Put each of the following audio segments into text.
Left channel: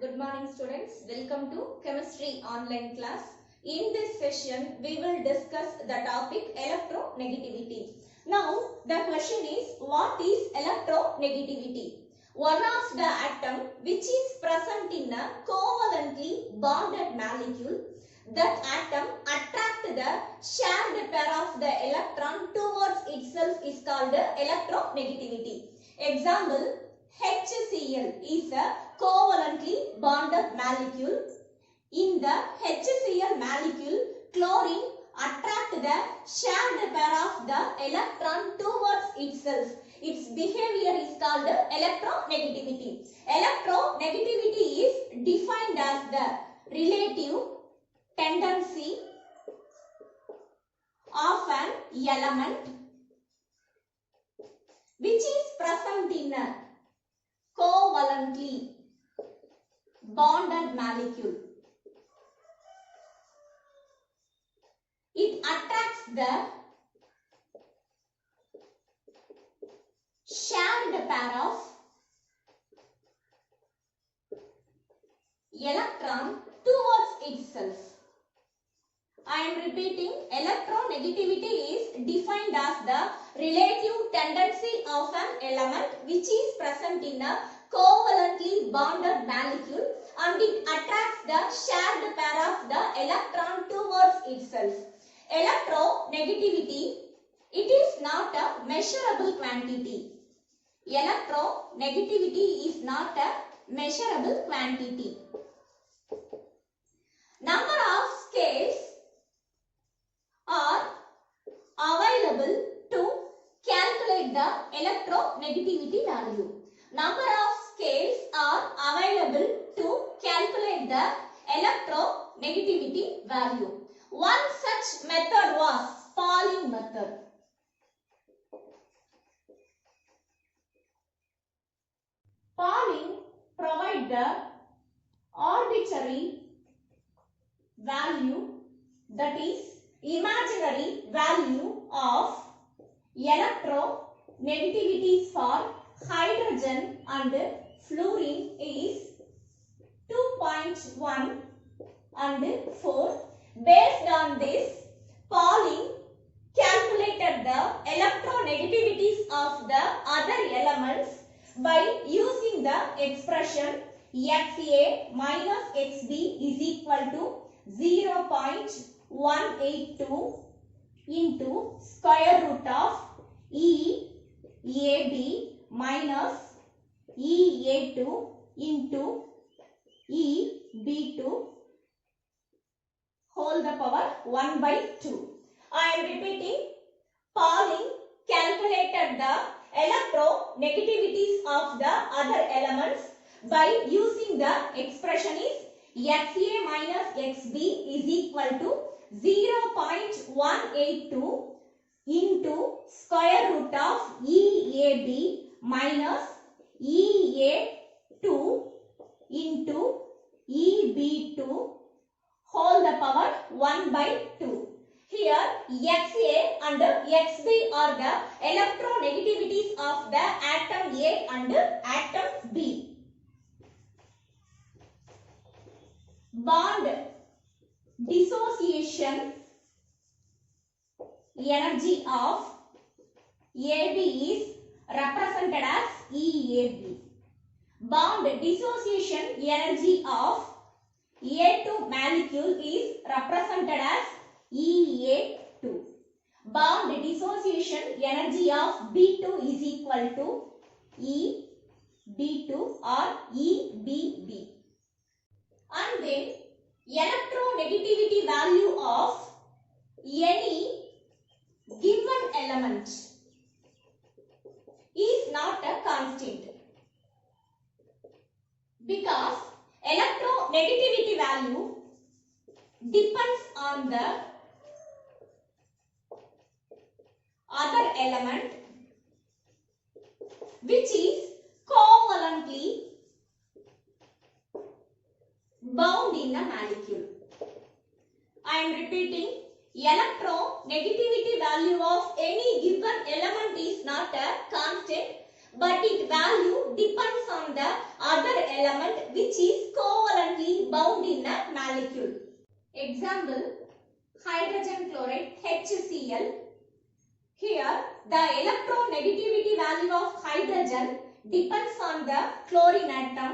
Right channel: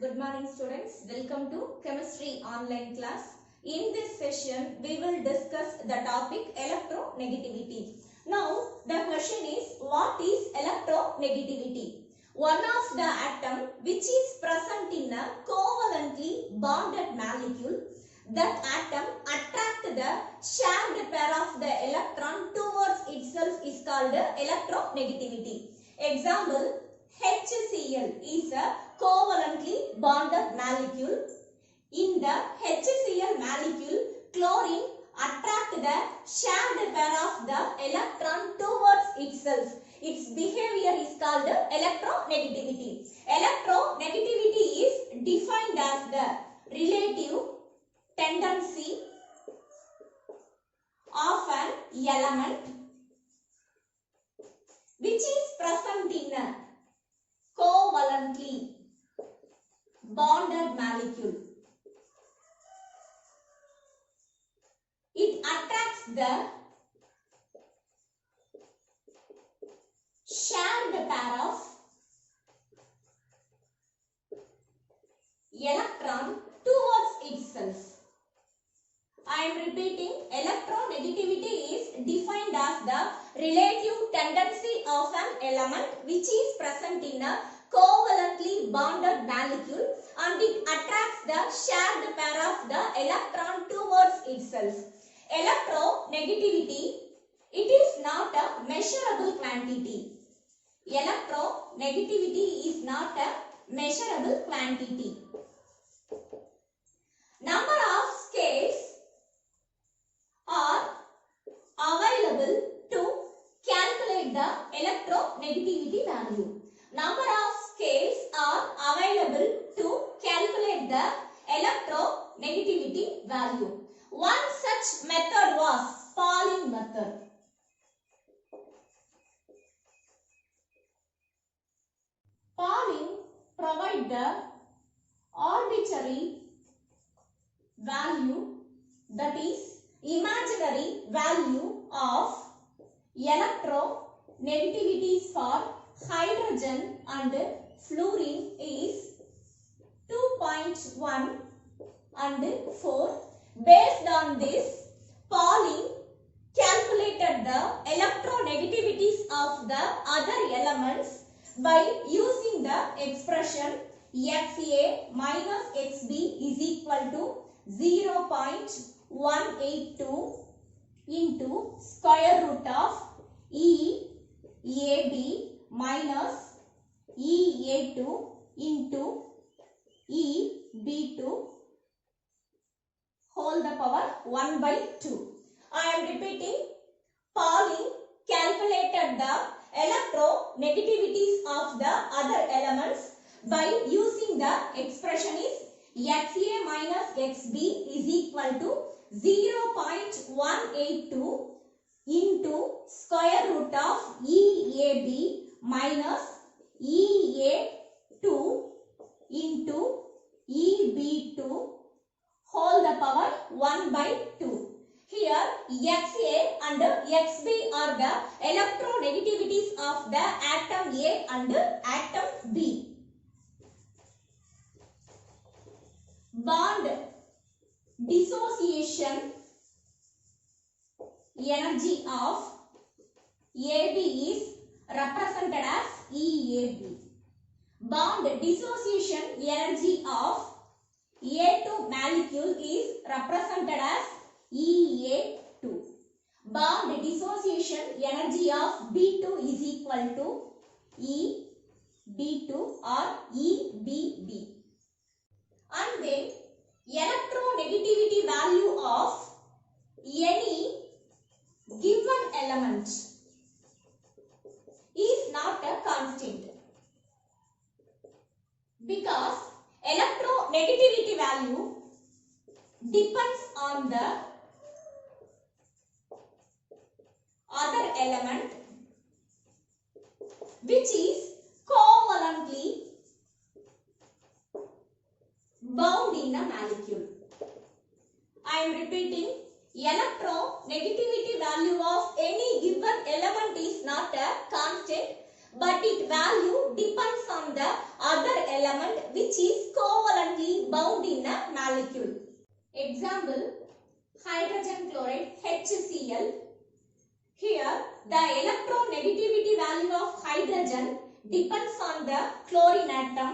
Good morning students. Welcome to chemistry online class. In this session we will discuss the topic electronegativity. Now the question is, what is electronegativity? One of the atom which is present in a covalently bonded molecule, that atom attract the shared pair of the electron towards itself is called electronegativity. Example, HCl is a covalently bonded molecule. In the HCl molecule, chlorine attract the shared pair of the electron towards itself. Its behavior is called electronegativity. Electronegativity is defined as the relative tendency of an element which is present in a covalently bonded molecule. It attracts the shared pair of electron towards itself. I am repeating, electronegativity is defined as the relative tendency of an element which is present in a covalently bonded molecule and it attracts the shared pair of the electron towards itself. Electronegativity, it is not a measurable quantity. Electronegativity is not a measurable quantity. Number of scales are available to calculate the electronegativity value. Number of scales are available to calculate the electronegativity value. One such method was Pauling method. Pauling provides the arbitrary value, that is imaginary value of electronegativities for hydrogen and fluorine is 2.1 and 4. Based on this, Pauling calculated the electronegativities of the other elements by using the expression Xa minus Xb is equal to 0.182 into square root of EAB minus EA2 into EB2 whole the power 1 by 2. I am repeating, Pauling calculated the electronegativities of the other elements by using the expression is Xa minus Xb is equal to 0.182 into square root of EAB minus EA2 into EB2 whole the power 1 by 2. Here Xa and Xb are the electronegativities of the atom A and atom B. Bond dissociation energy of AB is represented as EAB. Bond dissociation energy of A2 molecule is represented as EA2. Bond dissociation energy of B2 is equal to EB2 or EBB. And then electronegativity value of any given element is not a constant, because electronegativity value depends on the other element which is covalently bound in a molecule. I am repeating, electronegativity value of any given element is not a constant, but its value depends on the other element which is covalent bound in a molecule. Example, hydrogen chloride HCl. Here the electronegativity value of hydrogen depends on the chlorine atom,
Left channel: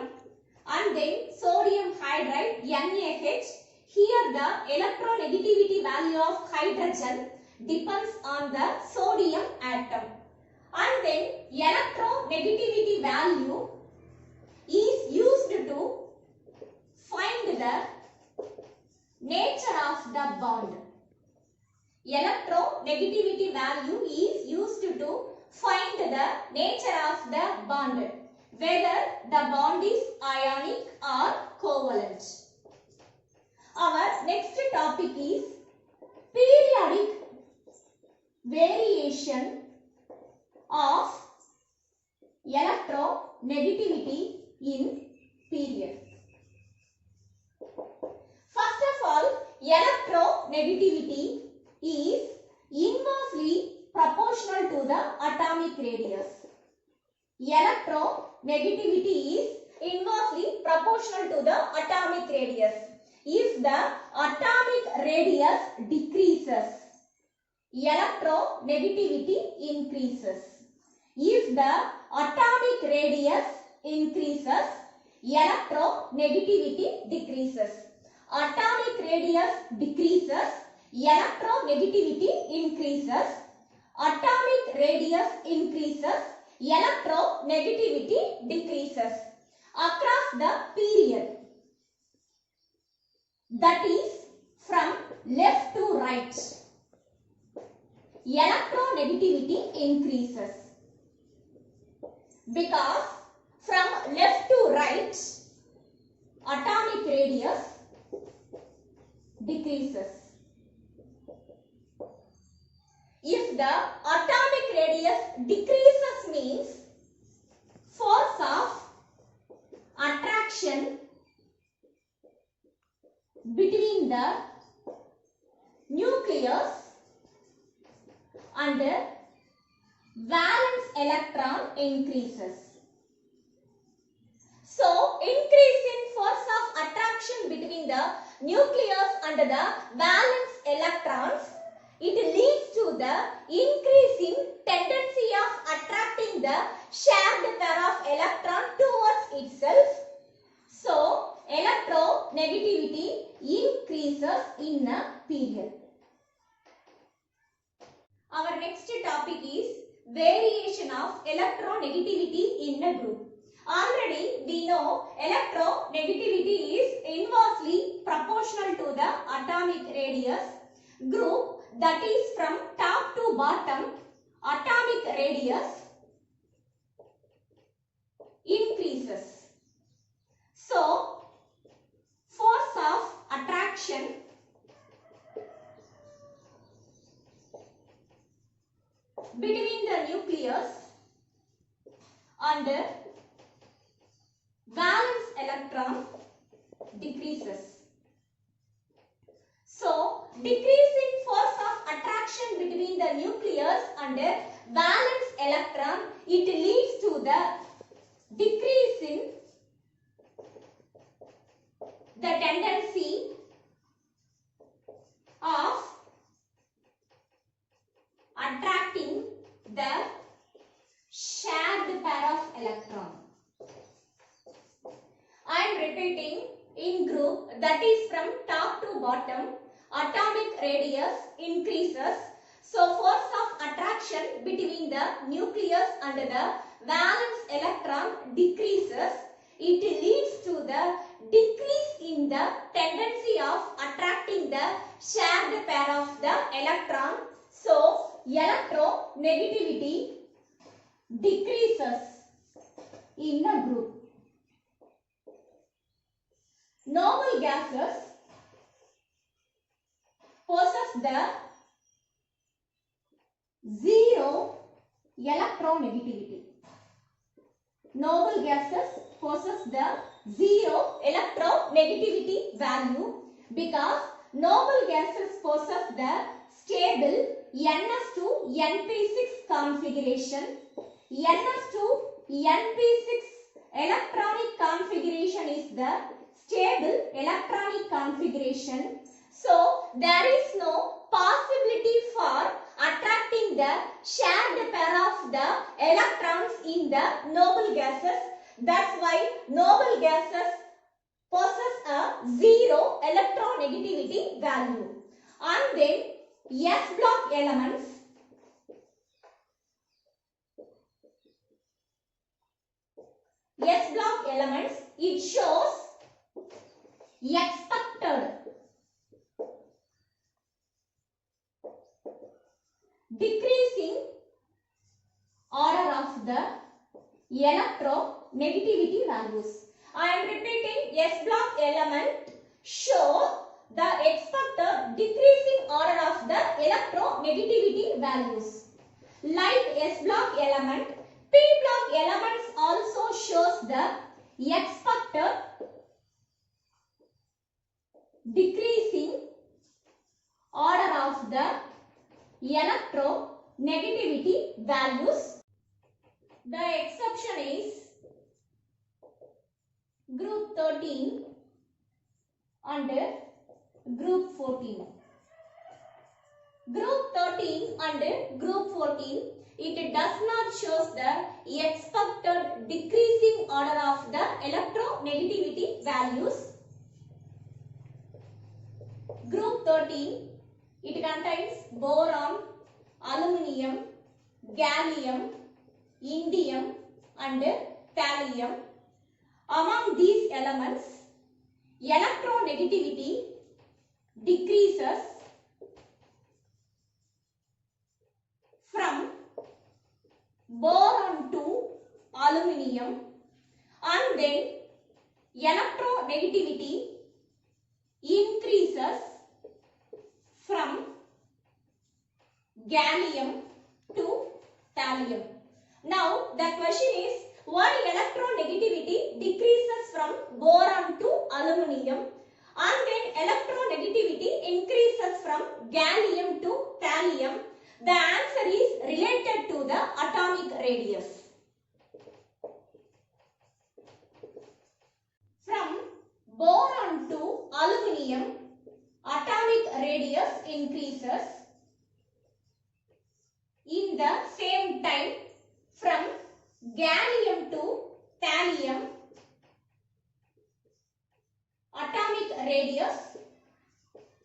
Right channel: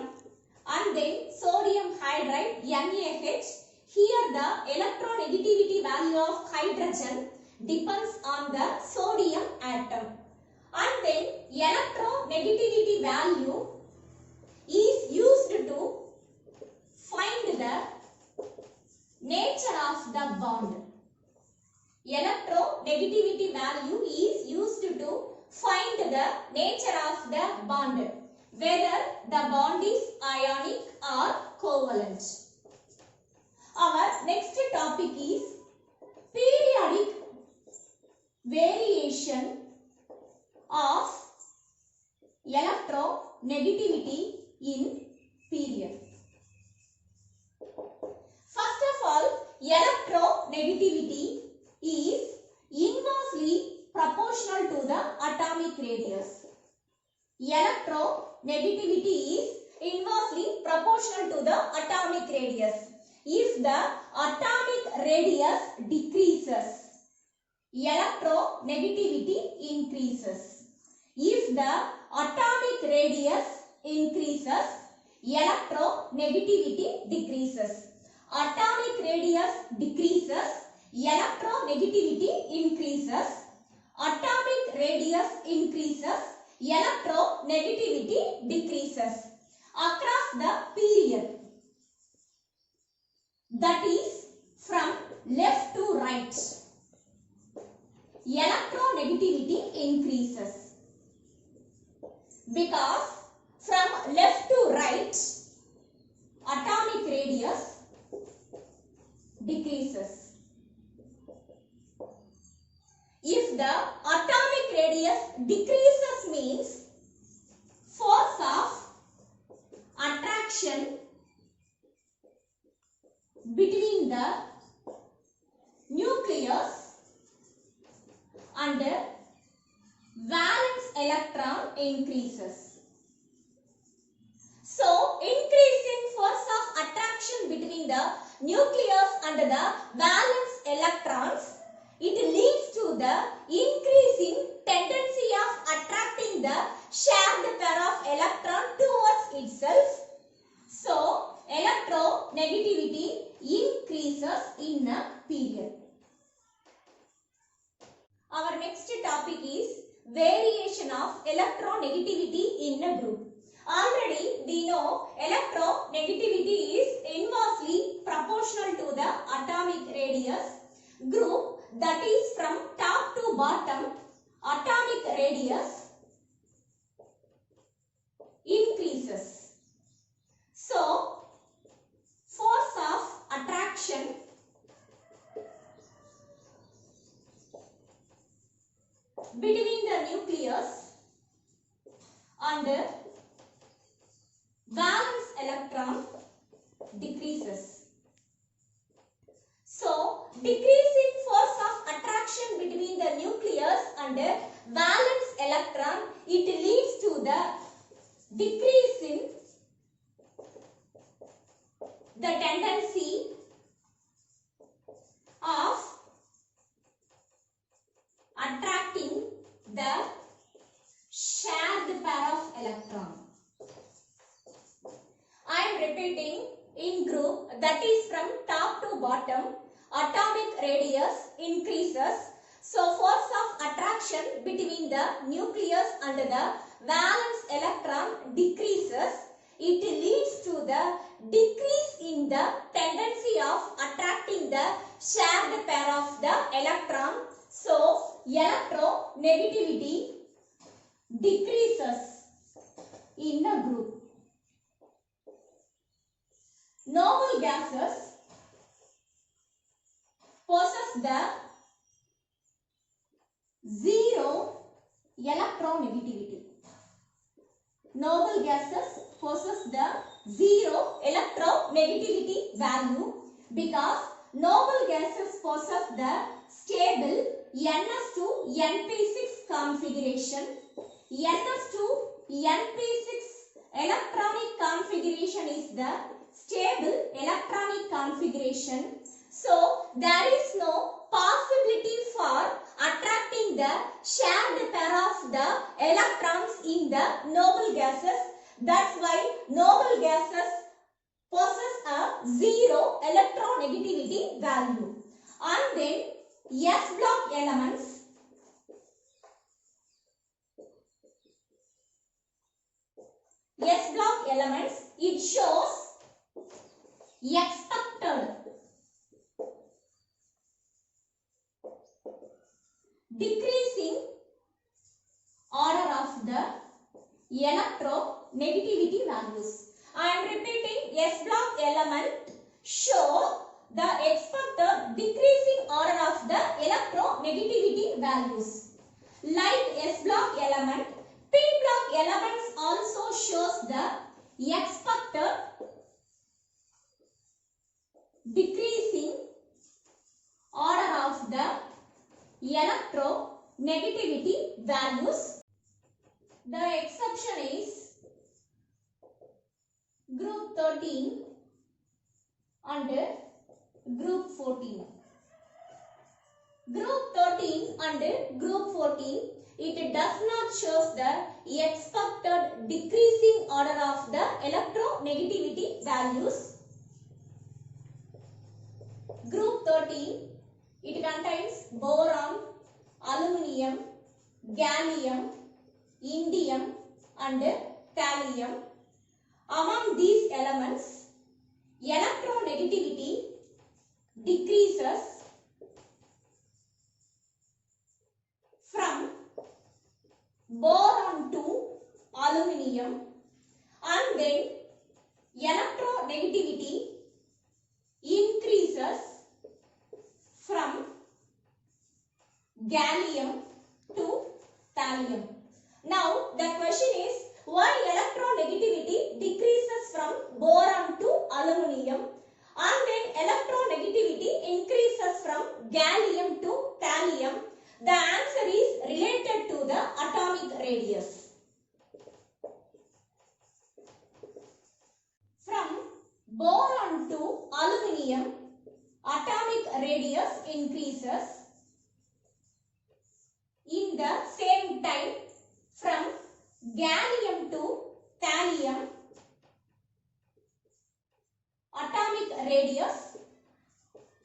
and then sodium hydride NaH. Here the electronegativity value of hydrogen depends on the sodium atom, and then electronegativity value is used to find the nature of the bond. Electronegativity value is used to find the nature of the bond, whether the bond is ionic or covalent. Our next topic is periodic variation of electronegativity in period. First of all, electronegativity is inversely proportional to the atomic radius. Electronegativity is inversely proportional to the atomic radius. If the atomic radius decreases, electronegativity increases. If the atomic radius increases, electronegativity decreases. Atomic radius decreases, electronegativity increases. Atomic radius increases, electronegativity decreases across the period. That is from left to right. Electronegativity increases because from left to right atomic radius decreases. If the atomic radius decreases means force of attraction between the nucleus and valence electron increases. So, increase in force of attraction between the nucleus and the valence electrons, it leads to the increasing tendency of attracting the shared pair of electron towards itself. So, electronegativity increases in a period. Our next topic is variation of electronegativity in a group. Already we know electronegativity is inversely proportional to the atomic radius. Group, that is from top to bottom, atomic radius increases. So, force of attraction between the nucleus and valence electron decreases. So, decreasing force of attraction between the nucleus and valence electron, it leads to the decrease in the tendency of attracting the shared pair of electron. I am repeating, in group, that is from top to bottom, atomic radius increases. So, force of attraction between the nucleus and the valence electron decreases. It leads to the decrease in the tendency of attracting the shared pair of the electron. So, electronegativity decreases in a group. Noble gases possess the zero electronegativity. Noble gases possess the zero electronegativity value because noble gases possess the stable NS2 NP6 configuration. NS2 NP6 electronic configuration is the stable electronic configuration. So there is no possibility for attracting the shared pair of the electrons in the noble gases. That's why noble gases possess a zero electronegativity value. And then S block elements, it shows expected decreasing order of the electronegativity values. I am repeating, S block element show the expected decreasing order of the electronegativity values. Like S block element, P block elements also shows the expected decreasing order of the electronegativity values. The exception is group 13 and group 14. Group 13 and group 14, it does not show the expected decreasing order of the electronegativity values. Group 13, it contains boron, aluminium, gallium, indium and thallium. Among these elements, electronegativity decreases from boron to aluminium, and then electronegativity increases from gallium to thallium. Now the question is, why electronegativity decreases from boron to aluminium and then electronegativity increases from gallium to thallium? The answer is related to the atomic radius. From boron to aluminium, atomic radius increases. In the same time, from gallium to thallium, atomic radius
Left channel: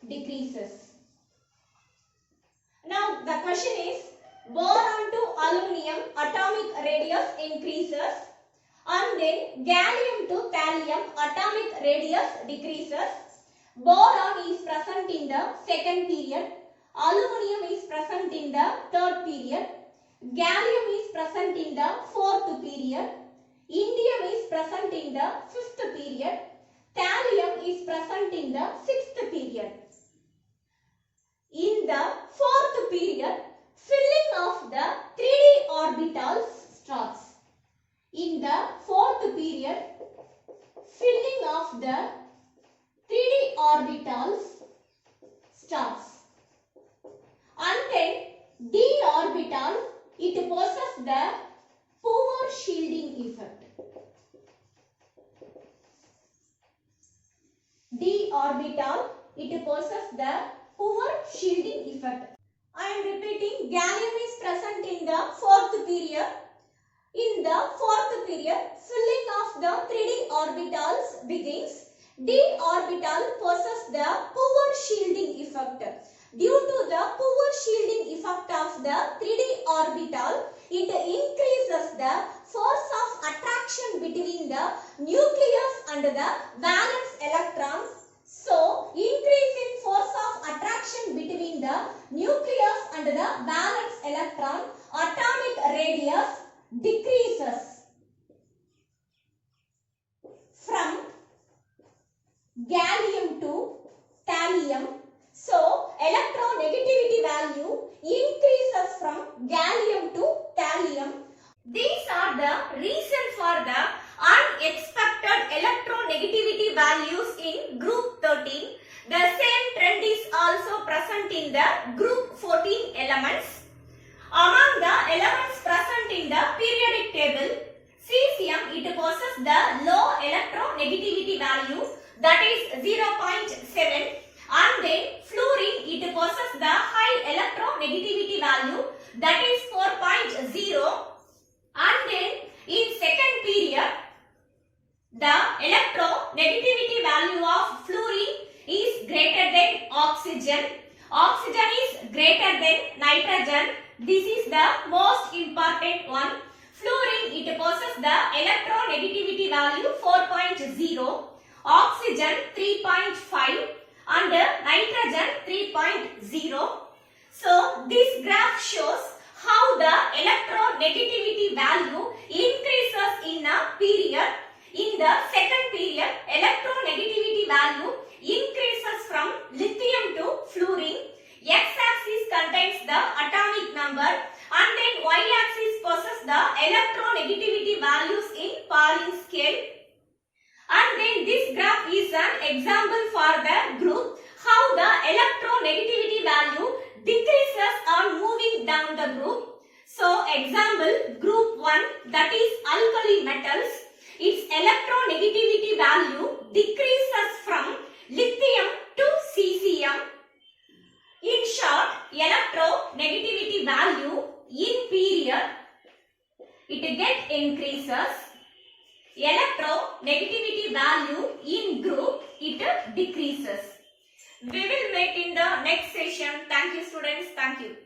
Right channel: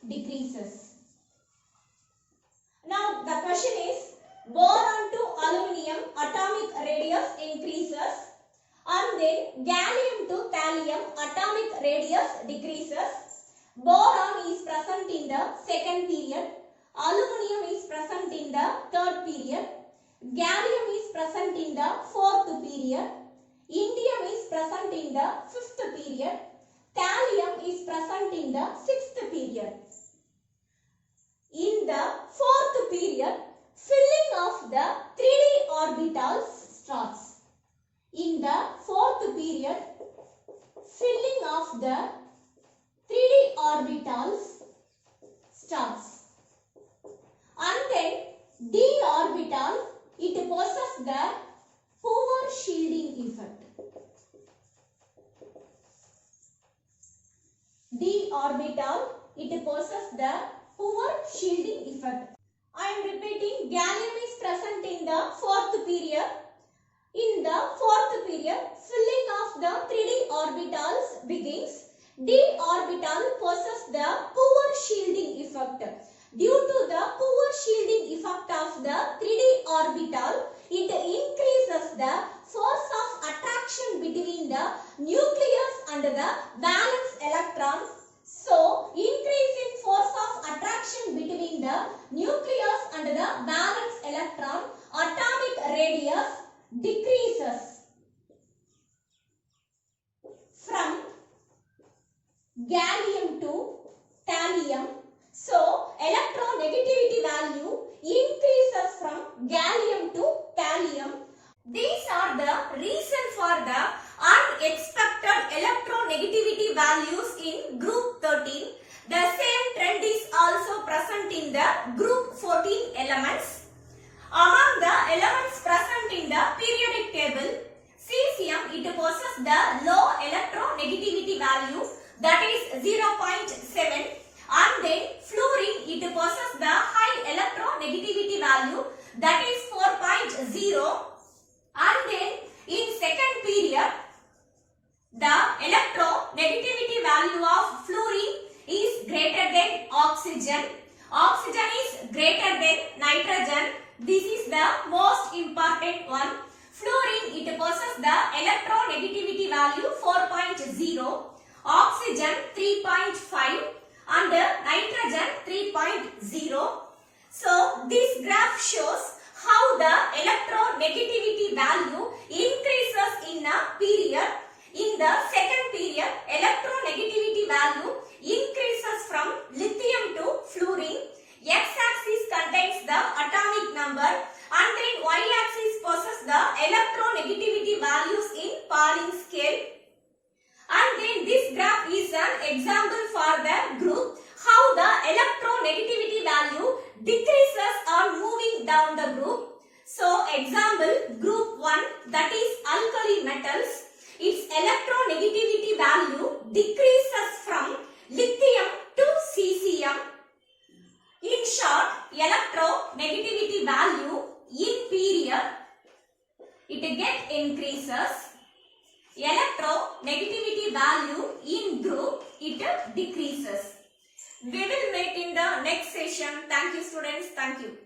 decreases. Now the question is, boron to aluminium atomic radius increases and then gallium to thallium atomic radius decreases. Boron is present in the second period, aluminium is present in the third period, gallium is present in the fourth period, indium is present in the fifth period, thallium is present in the sixth period. In the fourth period, filling of the 3d orbitals starts. In the fourth period, filling of the 3d orbitals starts. And then d orbital, it possesses the poor shielding effect. D orbital, it possesses the poor shielding effect. I am repeating, gallium is present in the fourth period. In the fourth period, filling of the 3d orbitals begins. D orbital possesses the poor shielding effect. Due to the poor shielding effect of the 3d orbital, it increases the force of attraction between the nucleus and the valence electrons. So, increase in force of attraction between the nucleus and the valence electron, atomic radius decreases from gallium to thallium. So, electronegativity value increases from gallium to thallium. These are the reasons for the unexpected electronegativity values in group 13. The same trend is also present in the group 14 elements. Among the elements present in the periodic table, Cesium, it possesses the low electronegativity value, that is 0.7, and then fluorine, it possesses the high electronegativity value, that is 4.0, and then in second period the electronegativity value of fluorine is greater than oxygen. Oxygen is greater than nitrogen. This is the most important one. Fluorine, it possesses the electronegativity value 4.0, oxygen 3.5, and nitrogen 3.0. So this graph shows how the electronegativity value increases in a period. In the second period, electronegativity value increases from lithium to fluorine. X-axis contains the atomic number, and then Y-axis possesses the electronegativity values in Pauling scale. And then this graph is an example for the group, how the electronegativity value decreases on moving down the group. So example, group 1, that is alkali metals, its electronegativity value decreases from lithium to cesium. In short, electronegativity value in period, it increases. Electronegativity value in group, it decreases. We will make in the next session. Thank you students. Thank you.